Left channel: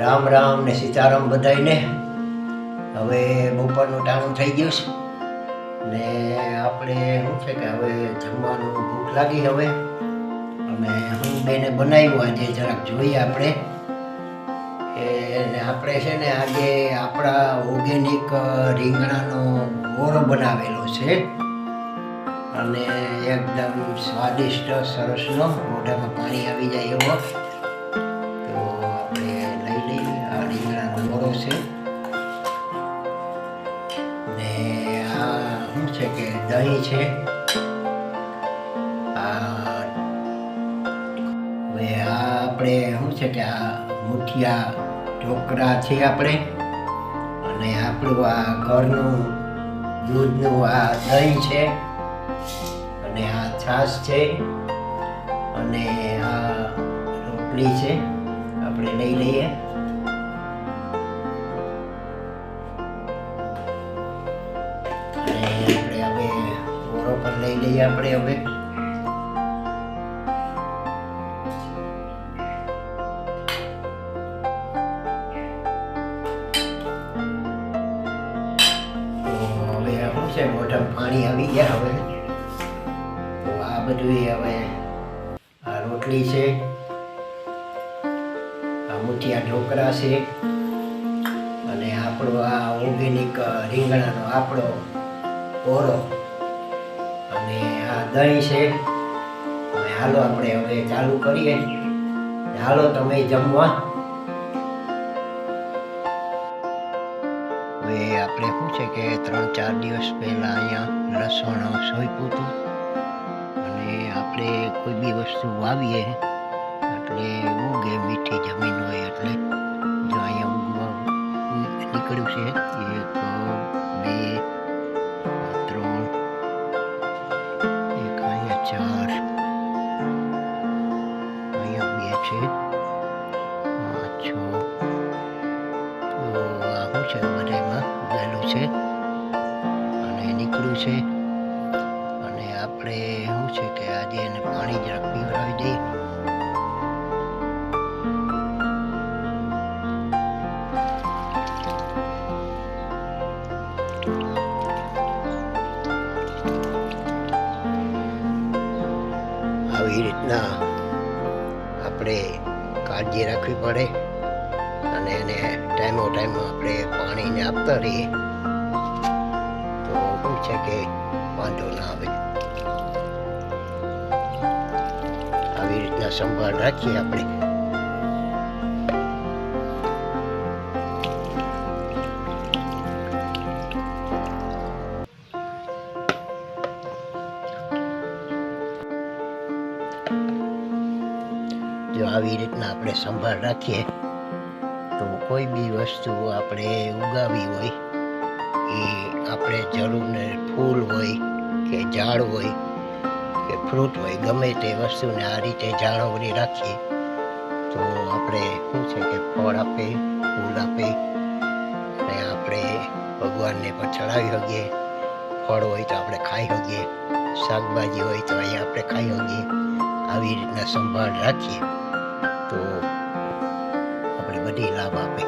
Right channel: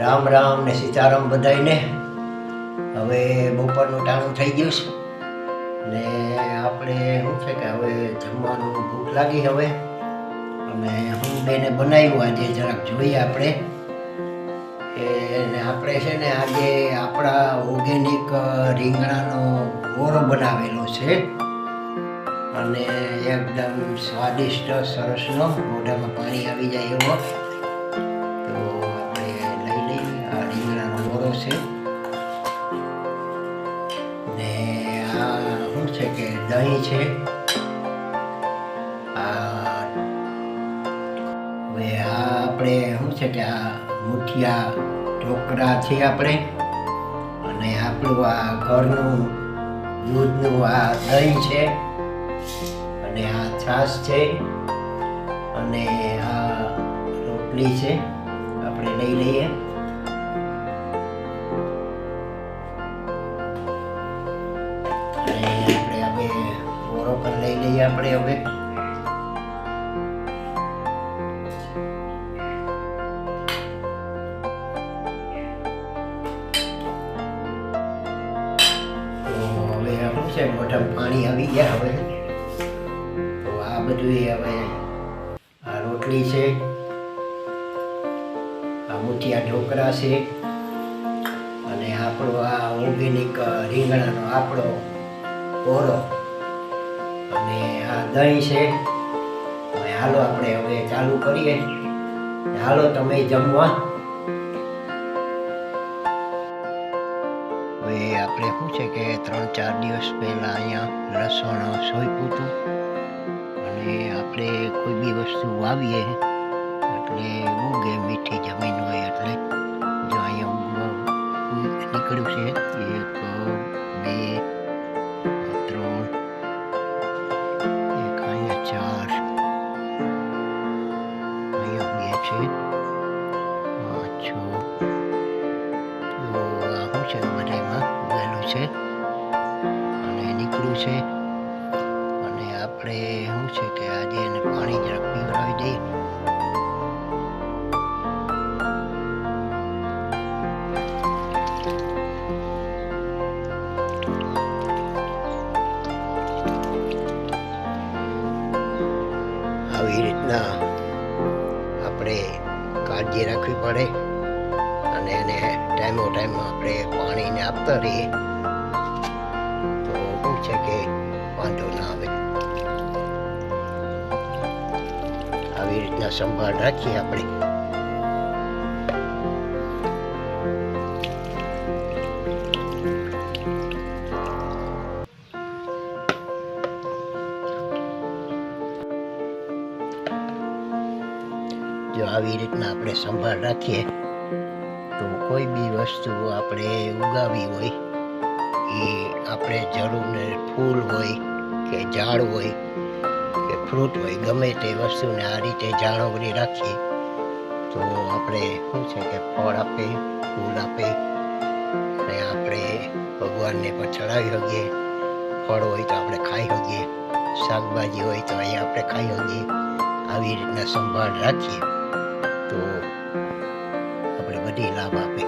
રામ રામ ને સીતારામ બધાયને. હવે બપોરનું ટાણું થઈ ગયું છે ને આપણે શું છે કે હવે જમવાનું ભૂખ લાગી. હવે અમે હું બેને બનાવ્યું આજે, જરાક જોઈએ આપણે. એને આપણે છે ને આજે આપણા ઓર્ગેનિક રીંગણાનો ઓરો બનાવેલો છે અને એકદમ સ્વાદિષ્ટ સરસનો, મોઢામાં પાણી આવી જાય એવો. તો આપણે લઈ લઈએ. આ રીંગણાનો ઓરો છે ને આ શું છે કે દહીં છે. હવે આ આપણે શું છે કે આ મુઠિયા ઢોકળા છે આપણે, અને આપણું આ ઘરનું દૂધનું આ દહીં છે, અને આ છાશ છે, અને આ રોટલી છે. આપણે લઈ લઈએ. અને આપણે હવે ઓરો પણ લઈ લઈએ આપણે. હવે શું છે, મોઢામાં પાણી આવી ગયા. હવે તો આ બધું હવે આ રોટલી છે, આ મુઠિયા ઢોકળા છે, અને આપણો આ ઓર્ગેનિક રીંગણાનો આપણો ઓરો, અને આ દહીં છે. હવે હાલો આપણે હવે ચાલુ કરીએ. હાલો તમે જમવા. હવે આપણે શું છે કે 3-4 દિવસ પહેલાં અહીંયા લસણ સોંપ્યું હતું, અને આપણે કોઈ બી વસ્તુ વાવીએ એટલે ઉગે, મીઠી જમીન હોય એટલે. જો અહીંયા ઉગવા નીકળ્યું છે 1, 2, 3, એક અહીંયા 4, અહીંયા 2 છે, 5, 6. તો આ શું છે, બધામાં ઉગેલું છે અને નીકળ્યું છે. અને આપણે શું છે કે આજે એને પાણી જરાક પીવડાવી દઈએ. આવી રીતના આપણે કાળજી રાખવી પડે, અને એને ટાઈમો ટાઈમ આપણે પાણીને આપતા રહીએ તો શું છે કે વાંધો ના આવે. આવી રીતના સંભાળ રાખીએ આપણે. જો આવી રીતના આપણે સંભાળ રાખીએ તો કોઈ બી વસ્તુ આપણે ઉગાવી હોય એ આપણે જરૂર ને, ફૂલ હોય કે ઝાડ હોય કે ફ્રૂટ હોય, ગમે તે વસ્તુને આ રીતે જાળવણી રાખીએ તો આપણે શું છે કે ફળ આપે, ફૂલ આપે, અને આપણે ભગવાનને પણ ચડાવી શકીએ. ફળ હોય તો આપણે ખાઈ શકીએ, શાકભાજી હોય તો અહીંયા આપણે ખાઈ શકીએ. આવી રીતના સંભાળ રાખીએ તો આપણે બધી લાભ આપે.